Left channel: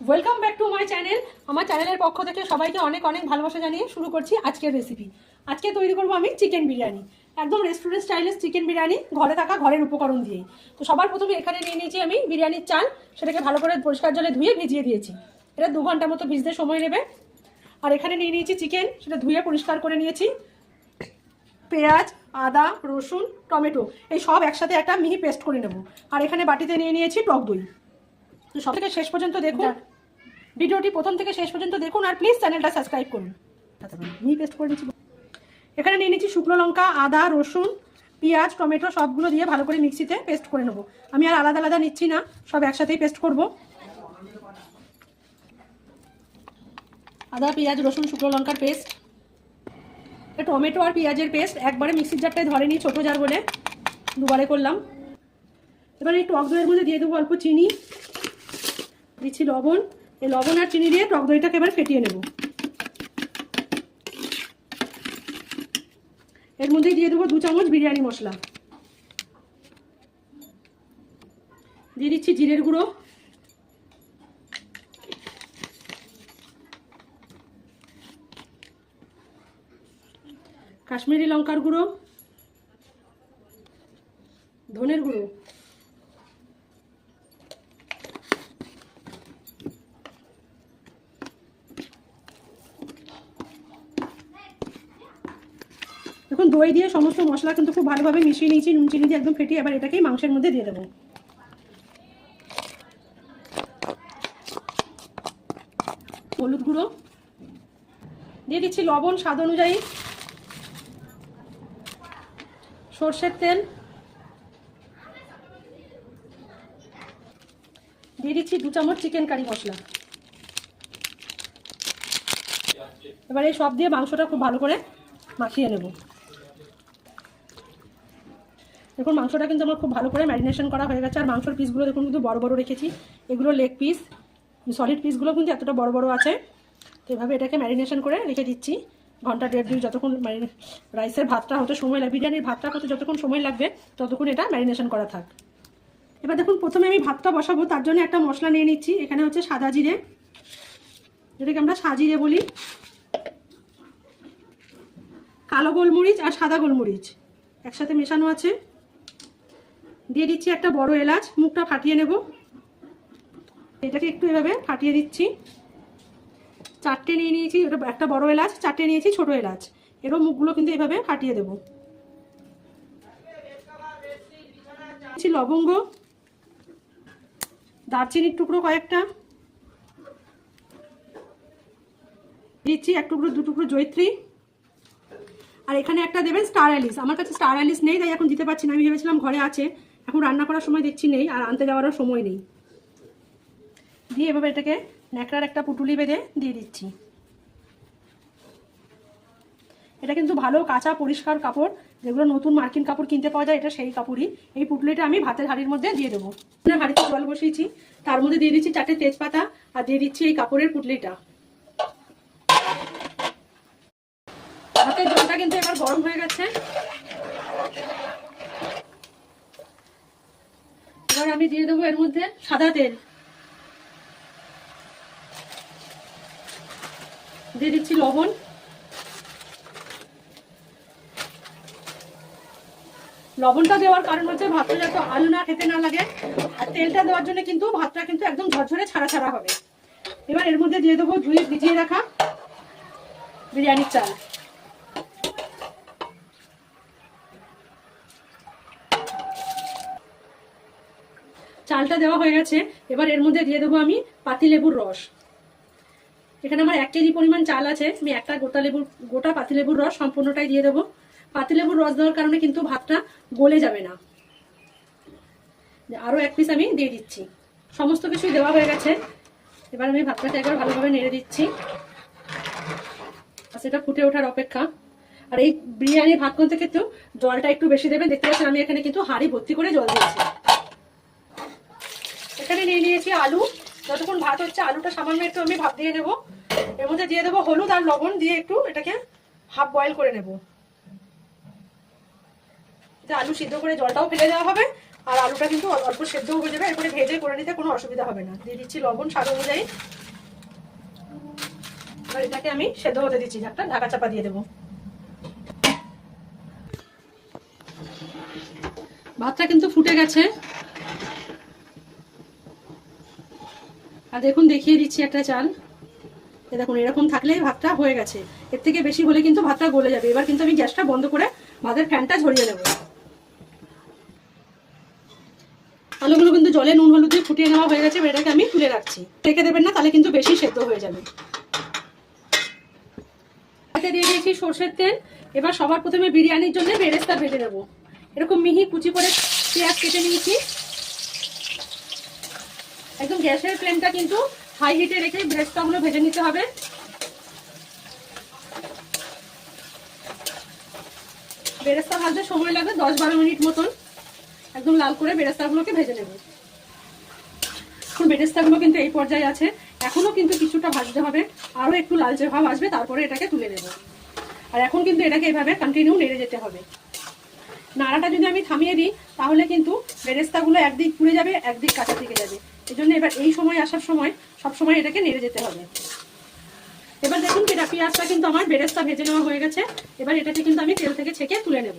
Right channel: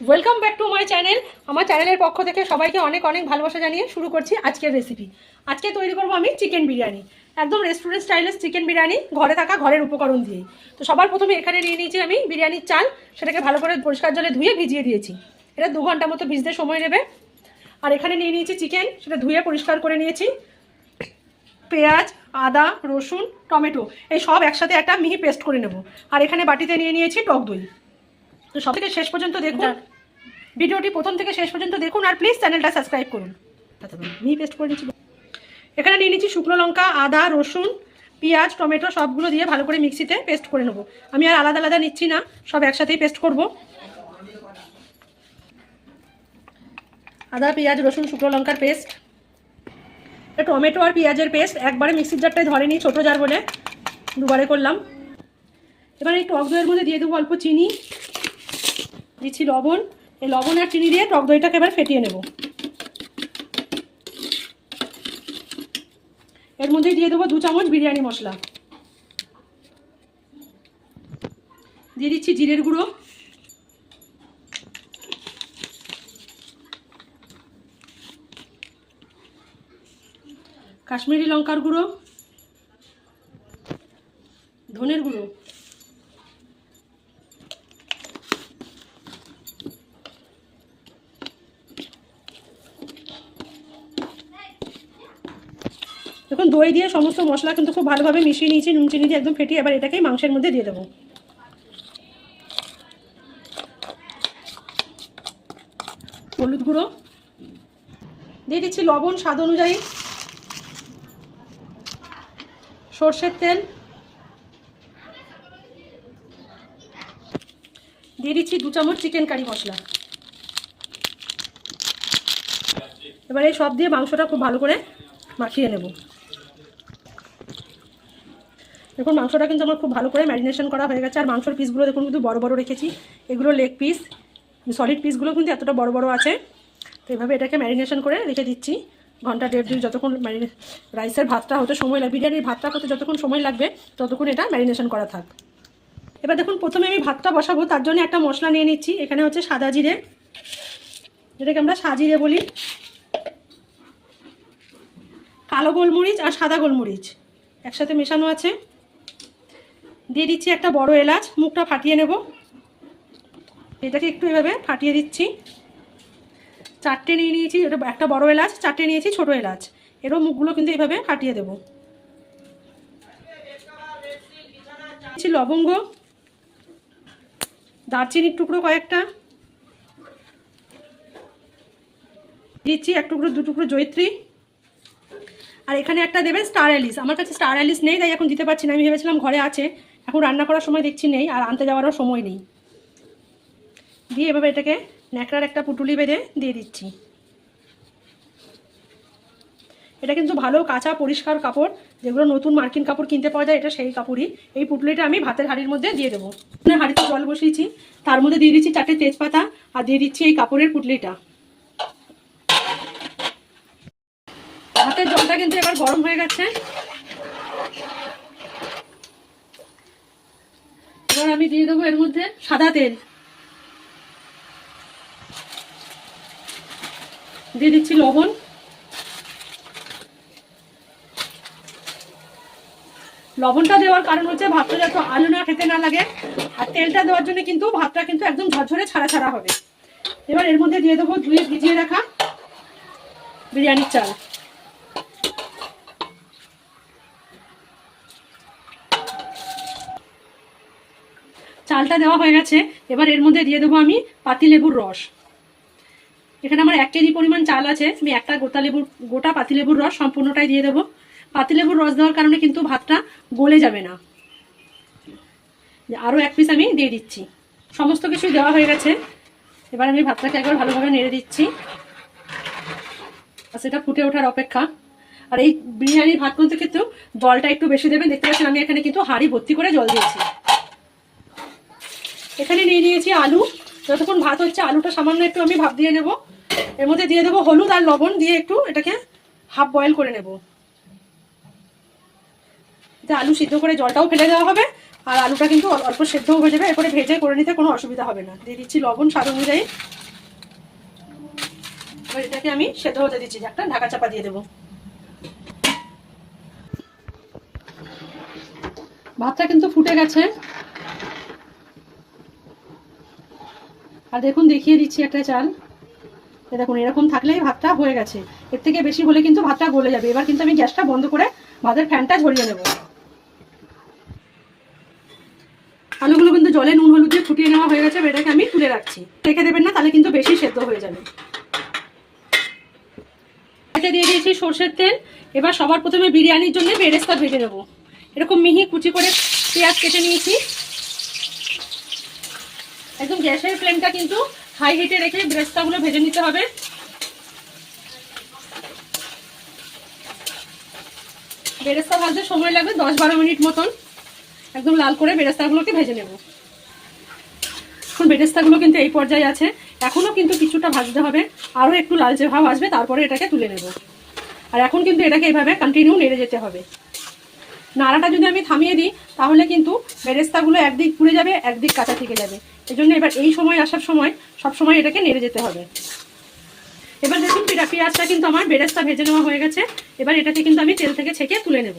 Welcome back to my channel. আমার চ্যানেলের পক্ষ থেকে সবাইকে অনেক অনেক ভালোবাসা জানিয়ে শুরু করছি আজকের রেসিপি। আজকে তৈরি করব আমি চিকেন বিরিয়ানি, একদম রেস্টুরেন্ট স্টাইলের চিকেন বিরিয়ানি, ঘরে থাকা ঘরের উপকরণ দিয়ে। তো সবার প্রথমে এখানে নিয়ে নিয়েছি আমি বিরিয়ানির চাল, সেটাকে ভালো করে পরিষ্কার জলে ধুয়ে ভিজিয়ে দিয়েছি। এটা 2 ঘন্টা মতো ভিজতে সময় নেবে। আর এখানে নিয়ে নিয়েছি চিকেন, সেটা ধুয়ে পরিষ্কার করে নিয়েছি। পেঁয়াজ, আদা, রসুন, টমেটো এই সব একসাথে একটা মিহি পেস্ট করে নেব। আর এখানে বাটিতে নিয়ে নিয়েছি টক দই। তো সব থেকে শেষ পর্যন্ত দেখুন, ভিডিওটি প্রথম থেকে শেষ পর্যন্ত দেখুন, আর প্লিজ চ্যানেলটা সাবস্ক্রাইব করুন। মিহি পেস্ট করে নিচ্ছি। এখানে নিয়ে নিচ্ছি শুকনো লঙ্কা, আদা, রসুন, পেঁয়াজ, টমেটো সবগুলো দিয়ে ভালো করে মিক্সিতে পেস্ট করে নেব। আমি আর আলাদা আলাদা নিচ্ছি না, সব একসাথেই পেস্ট করব। আদা, পেঁয়াজ, রসুন, শুকনো লঙ্কার পেস্ট, টমেটো আর পেঁয়াজের পেস্ট একবারে মিক্সির জারটায় ধরেনি, ছোটো জার বলে দুবারে করলাম। এবার এই টক দইয়ের মধ্যে দিয়ে দেবো অল্প চিনি, দিচ্ছি লবণ। এই লবণ আর চিনি দিয়ে টক দইটাকে এবার ফেটিয়ে নেব। এর মধ্যে দিয়ে দেবো 2 চামচ বিরিয়ানি মশলা, দিয়ে দিচ্ছি জিরের গুঁড়ো, কাশ্মীরি লঙ্কার গুঁড়ো, ধনের গুঁড়ো, দেখুন দই দিয়ে সমস্ত মশলা কিন্তু খুব ভালোভাবে মিশিয়ে নিয়েছি, নুন চিনি দিয়ে একদম ফেটিয়ে। এবার এটাকেই মাংসের মধ্যে দিয়ে দেবো। হলুদ গুঁড়ো দিয়ে দিচ্ছি, লবণ স্বাদ অনুযায়ী, সর্ষের তেল দিয়ে দিচ্ছি, 2 চামচ চিকেন কারি মশলা। এবার এই সব দিয়ে মাংসটা খুব ভালো করে মাখিয়ে নেব। দেখুন মাংসটা কিন্তু আমার খুব ভালো করে ম্যারিনেশন করা হয়ে গেছে। আর মাংসর পিসগুলো দেখুন কিন্তু বড় বড় রেখেছি, এগুলো লেগ পিস, সলিড পিসগুলো কিন্তু এতটা বড় বড় আছে। তো এভাবে এটাকে ম্যারিনেশন করে রেখে দিচ্ছি ঘন্টা 1.5-2, যতক্ষণ রাইসের ভাতটা হতে সময় লাগবে, বিরিয়ানির ভাতটা হতে যতক্ষণ সময় লাগবে ততক্ষণ এটা ম্যারিনেশন করা থাক। এবার দেখুন প্রথমে আমি ভাতটা বসাবো, তার জন্য একটা মশলা নিয়ে নিচ্ছি। এখানে হচ্ছে সাদা জিরে, যেটাকে আমরা সাজিরে বলি, কালো গোলমরিচ আর সাদা গোলমরিচ একসাথে মেশানো আছে। দিয়ে দিচ্ছি একটা বড় এলাচ, মুখটা ফাটিয়ে নেব। এটাকে একটু এভাবে ফাটিয়ে দিচ্ছি। 4টে নিয়ে নিয়েছি, এটা একটা বড় এলাচ, 4টে নিয়েছি ছোট এলাচ, এরও মুখগুলো কিন্তু এভাবে ফাটিয়ে দেব। লবঙ্গ, দারচিনির টুকরো কয়েকটা, দিচ্ছি 1 টুকরো 2 টুকরো জয়িত্রী। আর এখানে একটা দেবেন স্টার অ্যালিস। আমার কাছে স্টার অ্যালিস নেই, তাই এখন দিতে পারছি না। আমি ভেবেছিলাম ঘরে আছে, এখন রান্না করার সময় দেখছি নেই, আর আনতে যাওয়ারও সময় নেই। দিয়ে এভাবে এটাকে ন্যাকড়ার একটা পুটুলি বেঁধে দিয়ে দিচ্ছি। এটা কিন্তু ভালো কাঁচা পরিষ্কার কাপড়, যেগুলো নতুন মার্কিন কাপড় কিনতে পাওয়া যায়, এটা সেই কাপড়ই। এই পুটুলিটা আমি ভাতের হাঁড়ির মধ্যে দিয়ে দেবো। হাঁড়িতে জল বসিয়েছি, তার মধ্যে দিয়ে দিচ্ছি 4টে তেজপাতা, আর দিয়ে দিচ্ছি এই কাপড়ের পুটলিটা। ভাতের জলটা কিন্তু এবার গরম হয়ে গেছে। এবার আমি দিয়ে দেবো এর মধ্যে সাদা তেল, দিয়ে দিচ্ছি লবণ, লবণটা দেওয়ার কারণ হচ্ছে ভাতটা যাতে আলু না খেতে না লাগে, আর তেলটা দেওয়ার জন্য কিন্তু ভাতটা কিন্তু একদম ঝরঝরে ছাড়া ছাড়া হবে। এবার এর মধ্যে দিয়ে দেবো ধুয়ে ভিজিয়ে রাখা বিরিয়ানির চাল। চালটা দেওয়া হয়ে গেছে। এবার এর মধ্যে দিয়ে দেবো আমি পাতিলেবুর রস। এখানে আমার 1 কেজি পরিমাণ চাল আছে, আমি একটা গোটা পাতিলেবুর রস সম্পূর্ণটাই দিয়ে দেবো। পাতিলেবুর রস দেওয়ার কারণে কিন্তু ভাতটা গলে যাবে না। আরও 1 পিস আমি দিয়ে দিচ্ছি। সমস্ত কিছুই দেওয়া হয়ে গেছে। এবার আমি ভাতটাকে একবার ভালোভাবে নেড়ে দিচ্ছি, সেটা ফুটে ওঠার অপেক্ষা। আর এই বিরিয়ানির ভাত করতে কিন্তু জলটা একটু বেশি দেবেন। দেখতে পাচ্ছেন আমি এখানে কিন্তু হাঁড়ি ভর্তি করে জল দিয়েছি। এখানে নিয়ে নিয়েছি আলু। যতক্ষণ ভাত হচ্ছে আলুটা সামান্য একটু আমি ভাপ দিয়ে নেব। এর মধ্যে দিয়ে দেবো হলুদ আর লবণ, দিয়ে একটু এটাকে হাফ বয়েল করে নেব। আলু সিদ্ধ করে জলটাও ফেলে দেওয়া হবে, আর আলুটা কিন্তু অল্প সেদ্ধ হয়ে যাবে, এরপরে ভেজে করে নিতে কোনো অসুবিধা হবে না। দিয়ে দিচ্ছি লবণ স্বাদ অনুযায়ী। এবার এটাকে আমি সেদ্ধ হতে দিচ্ছি, একটা ঢাকা চাপা দিয়ে দেবো। ভাতটা কিন্তু ফুটে গেছে, আর দেখুন দেখিয়ে দিচ্ছি একটা চাল। দেখুন এরকম থাকলেই ভাতটা হয়ে গেছে, এর থেকে বেশি হলে কিন্তু ভাতটা গলে যাবে। এবার কিন্তু আমি গ্যাসটা বন্ধ করে ভাতের ফ্যানটা ঝরিয়ে দেবো। আলুগুলো কিন্তু জলে নুন হলুদ দিয়ে ফুটিয়ে নেওয়া হয়ে গেছে, এটাকে আমি তুলে রাখছি। রেখে দেবেন না, তাহলে কিন্তু বেশি সেদ্ধ হয়ে যাবে। এতে দিয়ে দিয়েছি সরষের তেল। এবার সবার প্রথমে বিরিয়ানির জন্য বেরেস্তা ভেজে নেবো। এরকম মিহি কুচি করে পেঁয়াজ কেটে নিয়েছি। একদম গ্যাসের ফ্লেমটা কিন্তু হাই হিটে রেখে বেরেস্তাগুলো ভেজে নিতে হবে। বেরেস্তা ভাজতে সময় লাগবে 10-12 মিনিট মতন। একদম লাল করে বেরেস্তাগুলোকে ভেজে নেব। এখন বেরেস্তাগুলো কিন্তু এই পর্যায়ে আছে, এখনো কিন্তু কিছুটা ভাজতে হবে, আরও একটু লালচে ভাব আসবে, তারপরে এটাকে তুলে নেব। আর এখন কিন্তু এটাকে এইভাবে কন্টিনিউ নেড়ে যেতে হবে। নাড়াটা যদি আমি থামিয়ে দিই তাহলে কিন্তু বেরেস্তাগুলো একদিক পুড়ে যাবে, একদিক কাঁচা থেকে যাবে। এই জন্য এবার এই সময় আসার সময় সবসময় এটাকে নেড়ে যেতে হবে। এবার দেখুন পেঁয়াজটা কিন্তু আমার বেরেস্তা ভেজে নেওয়া হয়ে গেছে। এবার এটাকে কিন্তু আমি তেল থেকে ছেঁকে তুলে নেব।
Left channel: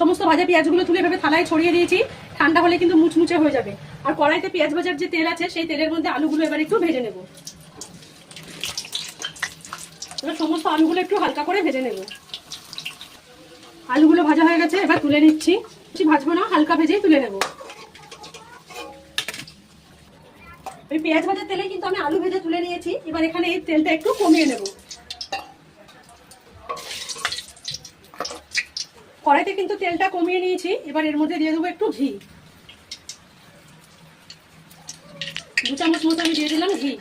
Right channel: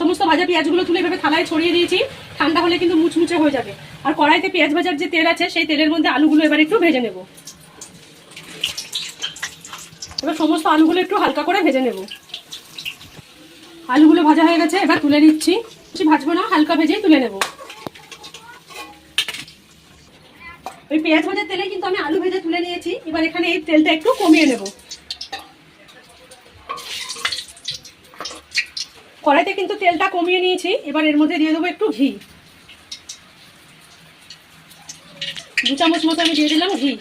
সমস্ত ভাজা পেঁয়াজগুলো তুলে এভাবে থালায় ছড়িয়ে দিয়েছি, ঠান্ডা হলে কিন্তু মুচমুচে হয়ে যাবে। আর কড়াইতে পেঁয়াজ ভাজার যে তেল আছে সেই তেলের মধ্যে আলুগুলো এবার একটু ভেজে নেব। এবার সমস্ত আলুগুলো একটু হালকা করে ভেজে নেব। আলুগুলো ভাজা হয়ে গেছে, এবার তুলে নিচ্ছি। বেশি ভাজবো না, হালকা ভেজেই তুলে নেব। ওই পেঁয়াজ ভাজার তেলে কিন্তু আমি আলু ভেজে তুলে নিয়েছি। এবার এখানে এই তেলটা একটু কমিয়ে নেব। কড়াইতে কিন্তু তেলটা কমিয়ে নিয়েছি। এবার এর মধ্যে দিয়ে দেবো একটু ঘি। 2 চামচ মতো আমি দিয়ে দিলাম ঘি।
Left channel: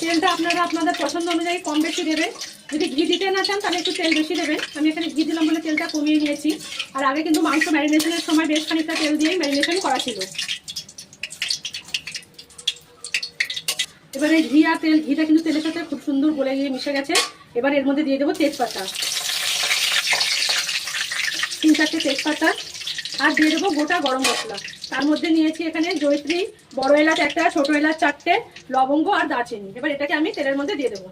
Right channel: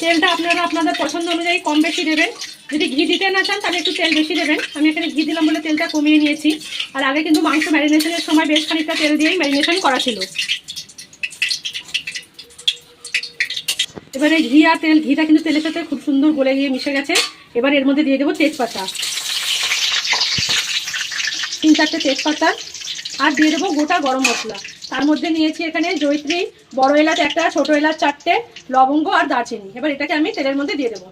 তেলটা আপনারা আপনাদের পছন্দ অনুযায়ী কম বেশি দেবেন। যদি ঘি দিতে না চান তাহলে একটু তেল বেশি দেবেন। আমি এখানে ঘি দিলাম বলে তেলটা কমিয়ে নিয়েছি। আর আগে কিন্তু মাংস ম্যারিনেশনের সময় বেশ খানিকটা তেল দিয়েই ম্যারিনেশন করা ছিল। এবার এই ঘি আর তেল, ঘিটা কিন্তু তেলের সাথে খুব সুন্দর গলে গিয়ে মিশে গেছে। এবার এর মধ্যে দিয়ে দেবো তেজপাতা, 3-4টে তেজপাতা, আর দিয়ে দেবো গোটা গরম মশলা। তার মধ্যে নিয়েছি এখানে জয়িত্রী, বড় এলাচ একটা, ছোট এলাচ 4টে, লবঙ্গ আর দারচিনি। এবার এটাকে আমি তেলের মধ্যে দিয়ে দেবো।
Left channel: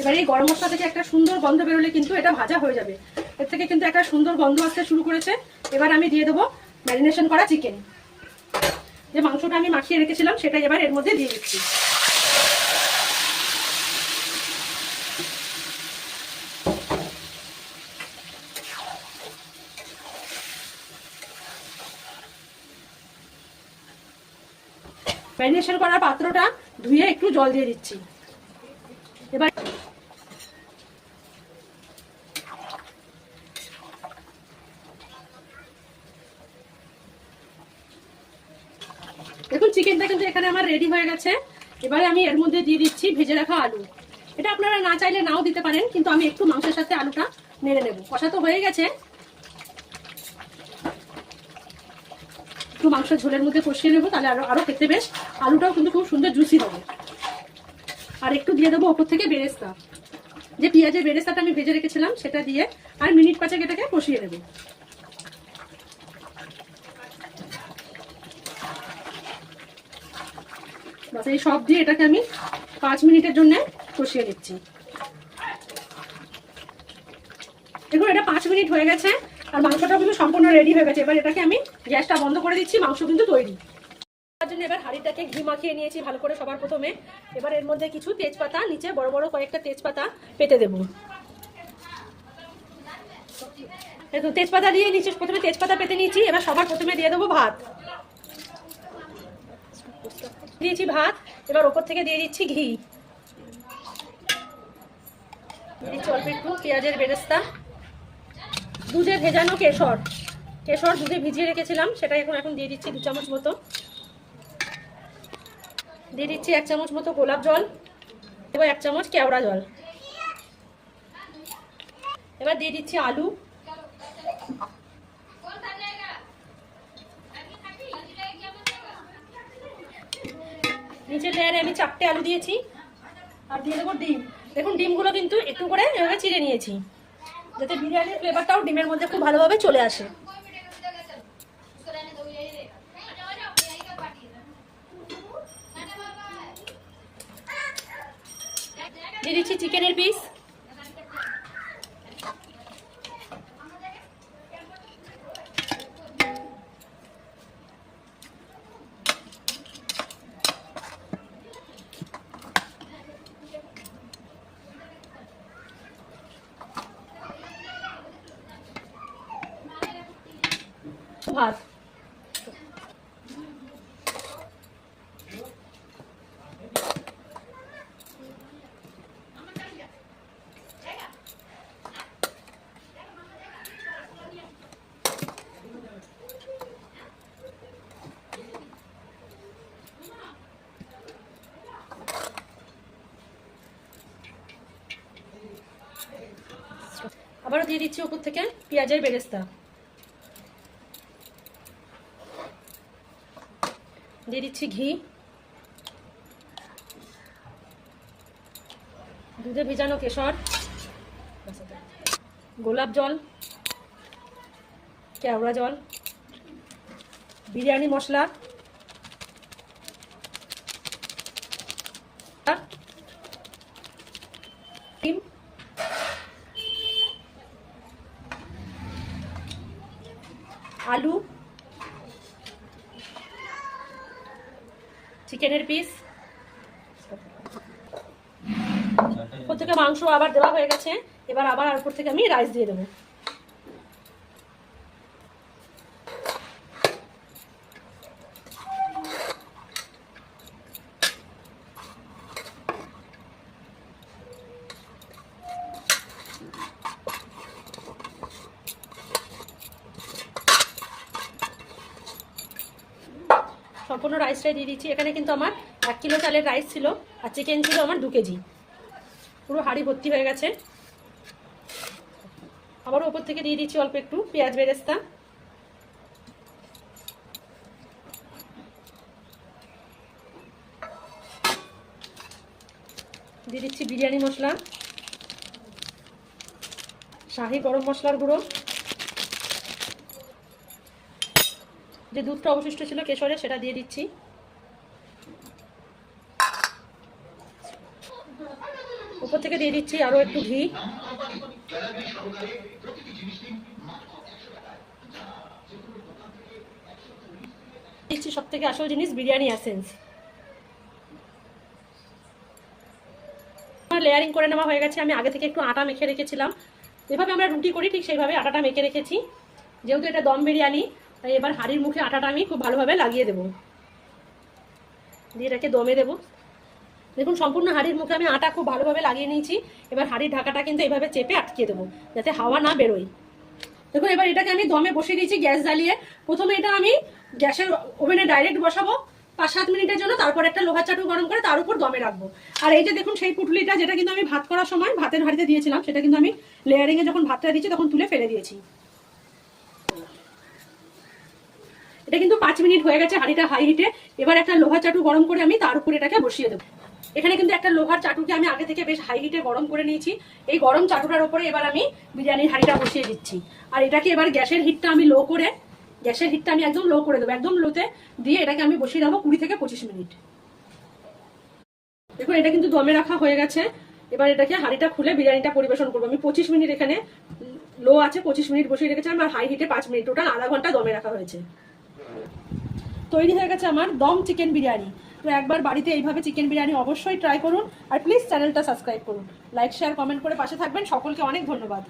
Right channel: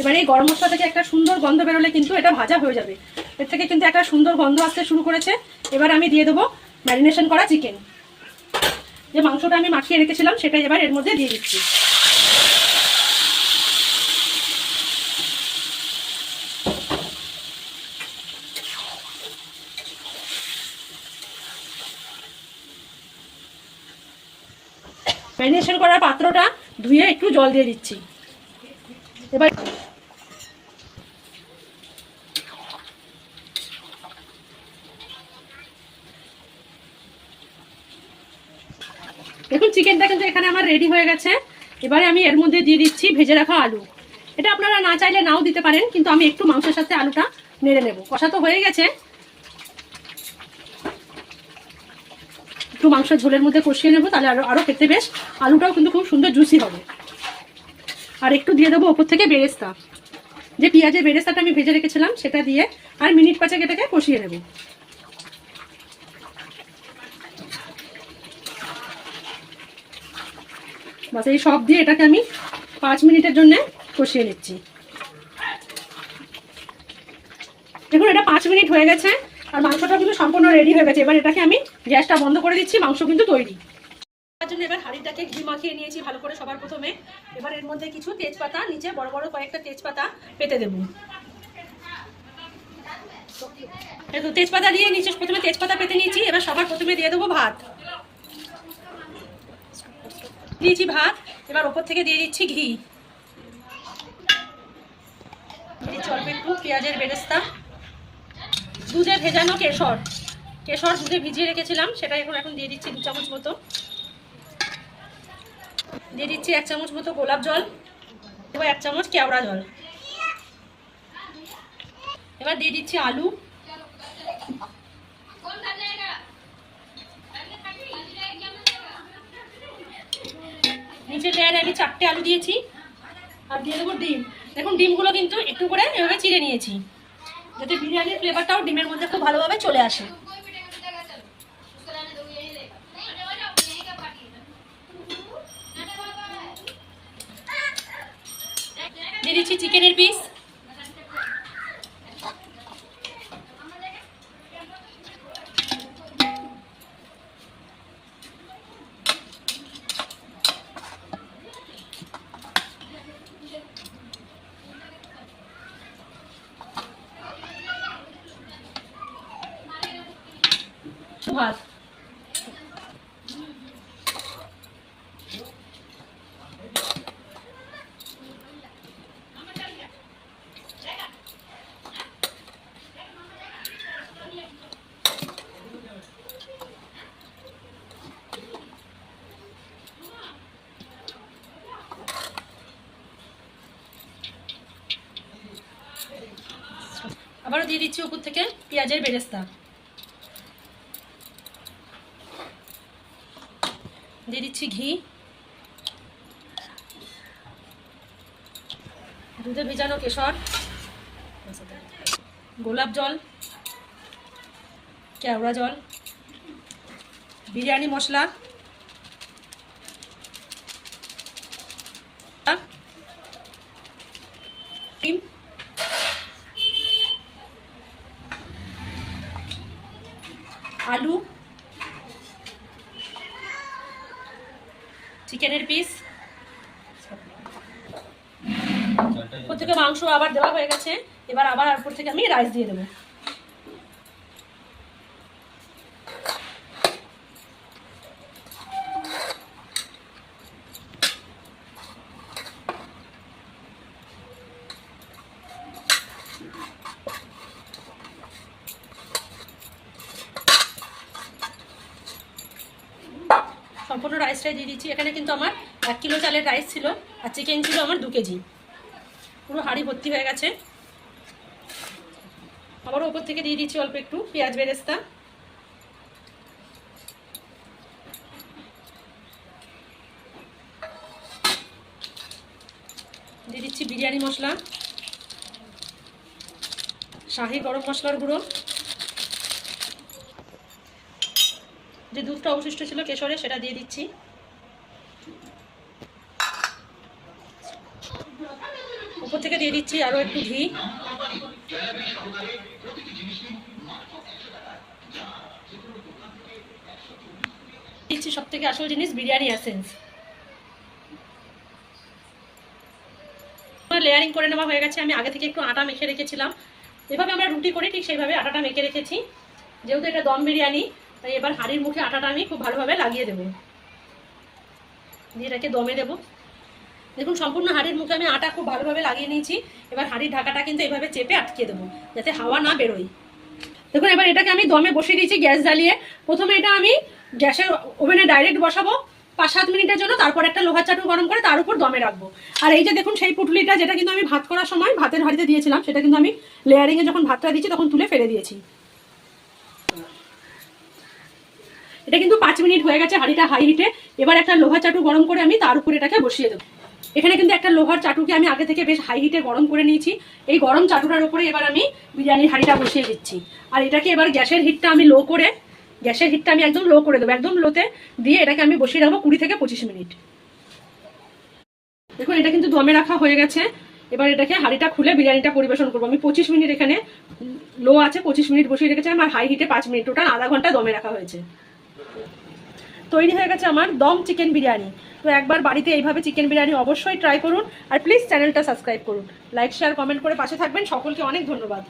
এবার এই গরম মশলা থেকে একটা সুন্দর গন্ধ বেরোলে কিন্তু এটা ভাজা হয়ে যাবে। এর থেকে কিন্তু একটা সুন্দর গন্ধ আসতে শুরু করেছে। এবার আমি দিয়ে দেবো ম্যারিনেশন করা চিকেন। যে মাংসটা আমি মাখিয়ে রেখেছিলাম সেটাই এবার এর মধ্যে দিয়ে দিচ্ছি। ম্যারিনেশন করা পাত্রটা ধুয়ে একটু জল দিয়ে দিচ্ছি। এবার দেখুন চিকেনটা কিন্তু এখানে আমার রেডি হয়ে গেছে। এবারে আমি এর মধ্যে দিয়ে দিচ্ছি ভেজে রাখা আলু। এটা আপনারা না চাইলে নাও দিতে পারেন, কিন্তু আমি একটু মাংসের সাথে আলুটা নেড়ে নেব। কষা তো হয়ে গেছে, একটু মাংসের ঝোলের মধ্যে কষিয়ে নেবো, তাহলে আরো খেতে বেশ, আলুটাও কিন্তু খুব সুন্দর জুসি হবে। আর একটু দিয়ে দেবো ওপর থেকে বেরেস্তা, যে পেঁয়াজের বেরেস্তাটা আমি ভেজে রেখেছিলাম সেটা দিয়ে আর মিনিট 5 এটাকে কষিয়ে নেব। বাস এই সব দিয়ে এটাকে আমি 5 মিনিটের জন্য কষিয়ে নিচ্ছি। দেখুন এটা 5 মিনিট হয়ে গেছে আর মাংসটা কিন্তু সম্পূর্ণ রেডি হয়ে গেছে। এবার এটাকে আমি গ্যাসটা বন্ধ করে দিচ্ছি, মাংস কিন্তু তৈরি। তার জন্য এবার হাঁড়িটাকে ঘি মাখিয়ে নিয়েছি ভালো করে সবার প্রথমে। এবার এর মধ্যে কিছু তেজপাতা, নিচে বড় বড় কয়েকটা তেজপাতা পেতে দেবো। তেজপাতা দিয়ে নিচে প্রথমে তেজপাতা পেতে নিয়েছি। এবার সবার প্রথমে দিয়ে দেবো ভাত, দিয়েছি ভাত। এবার ওপর থেকে দিয়ে দিচ্ছি ঘি, দিচ্ছি অল্প একটু পেঁয়াজের বেরেস্তা, দুধে ভেজানো কেশর, দুধে ভিজিয়ে রেখেছিলাম সেটা এখন দিয়ে দিচ্ছি 2 চামচ মতো। দিয়ে দিচ্ছি 1 চামচ মতো গোলাপ জল, এবার 1 চামচ কেওড়া জল। এবার দিয়ে দিচ্ছি আলু, নিচের লেয়ারে আমি 4টে আলু দিয়েছি, আর দিয়ে দেবো ডিম। দেখুন ডিমগুলো কিন্তু একটু করে এভাবে চিড়ে নিয়েছি, যাতে বিরিয়ানির ফ্লেভারটাও ডিমের মধ্যে খুব ভালোভাবে চলে আসে। দিয়ে দিচ্ছি চিকেনের পিস। ভাত আবারও দিয়ে দিচ্ছি উপর থেকে পেঁয়াজের বেরেস্তা। দিয়ে দিচ্ছি ঘি, দুধে ভেজানো কেশর, গোলাপ জল, কেওড়া জল, বিরিয়ানি মশলা, ডিম, আলু, চিকেনের পিস। উপর থেকে মাংস আবার দেওয়া হয়ে গেছে, এবার আবার উপর থেকে আমি রাইস দিয়ে দেবো। সম্পূর্ণ রাইসটাই দিয়ে দিচ্ছি। এখানে কিন্তু আমার 1 কিলো চালের রাইস ছিল, আর চিকেন ছিল আমার 2 কেজি। পুরো হাঁড়ি ভর্তি হয়ে গেছে। আবারও ওপর থেকে দিয়ে দিচ্ছি অল্প একটু পেঁয়াজ বেরেস্তা। দিয়ে দিচ্ছি বিরিয়ানি মশলা, শাহি গরম মশলার গুঁড়ো, যে দুধটা অবশিষ্ট ছিল কেশরে সেটা দিয়ে দিচ্ছি। উপর থেকে দিয়ে দিচ্ছি আরো একটু ঘি। দিচ্ছি সব থেকে আসল জিনিস বিরিয়ানি এসেন্স। লেয়ারিং করে নেওয়া হয়ে গেছে। আমি আগে থেকে একটু আটা মেখে রেখেছিলাম, যেভাবে আমরা রুটি করি ঠিক সেইভাবে আটাটা মেখে রেখেছি। যেহেতু এটা দম বিরিয়ানি, তাই এবার হাঁড়ির মুখে আটাটা আমি খুব ভালোভাবে লাগিয়ে দেবো, দিয়ে এটাকে দমে দেবো। দেখুন সম্পূর্ণ হাঁড়ির মুখে আমি আটা খুব ভালোভাবে লাগিয়ে নিয়েছি। এবার হাঁড়ির ঢাকাটা কিন্তু এভাবে চেপে আটকিয়ে দেবো, যাতে হাওয়া না বেরোয়। দেখুন এবার এটাকে আমি দমে বসিয়ে দিয়েছি গ্যাস জ্বালিয়ে। প্রথমে এটা আমি গ্যাসের ওভেনে ডাইরেক্ট বসাবো 5-7 মিনিটের জন্য, তারপর একটা লোহার চাটু গরম করে তার উপর দমে রাখবো। আর এই যে দেখুন সেই পুটলিটা, যেটা কিন্তু আমি ভাত করার সময় ভাতের হাঁড়িতে দিয়েছিলাম, সেটা কিন্তু আমি লেয়ারিংয়ে যখন ভাতটা দিয়েছি তখন তুলে ফেলে দিয়েছি। এটা কিন্তু 5 মিনিট হয়ে গেছে হাঁড়িটা হাই হিটে। এবার একটা লোহার চাটু গরম করে আমি তার উপর এটাকে বসিয়ে দেবো। এখানে কিন্তু একটা লোহার চাটুকে আমি আগে থেকে বেশ হাই হিটে গরম করে নিয়েছি। এই গরম চাটুটার উপরে এবার আমি বিরিয়ানির হাঁড়িটা বসিয়ে দিচ্ছি। আর এটাকে এবার গ্যাসের হিটটা আমি একদম লো করে দেবো। একদম লোতে দিয়ে এটাকে আমি বসিয়ে রাখবো 20 থেকে 25 মিনিট। দেখুন এটা কিন্তু দমে রাখা হয়ে গেছে। এবার এটাকে হাঁড়িটা খুলে বিরিয়ানিটা পরিবেশন করবো। আমি 25 মিনিট এখানে লো আছে, 25 মিনিট বসিয়ে রেখেছিলাম, আর হাই হিটে 5 মিনিট, টোটাল আধা ঘন্টা দমে রাখা হয়েছে। তৈরি হয়ে গেছে আমার দম চিকেন বিরিয়ানি। তো একবার বাড়িতে এইভাবে চিকেন বিরিয়ানি অবশ্যই ট্রাই করুন, আর প্লিজ চ্যানেলটা সাবস্ক্রাইব করুন, লাইক শেয়ার কমেন্ট করে পাশে থাকবেন। সকলকে অনেক ধন্যবাদ।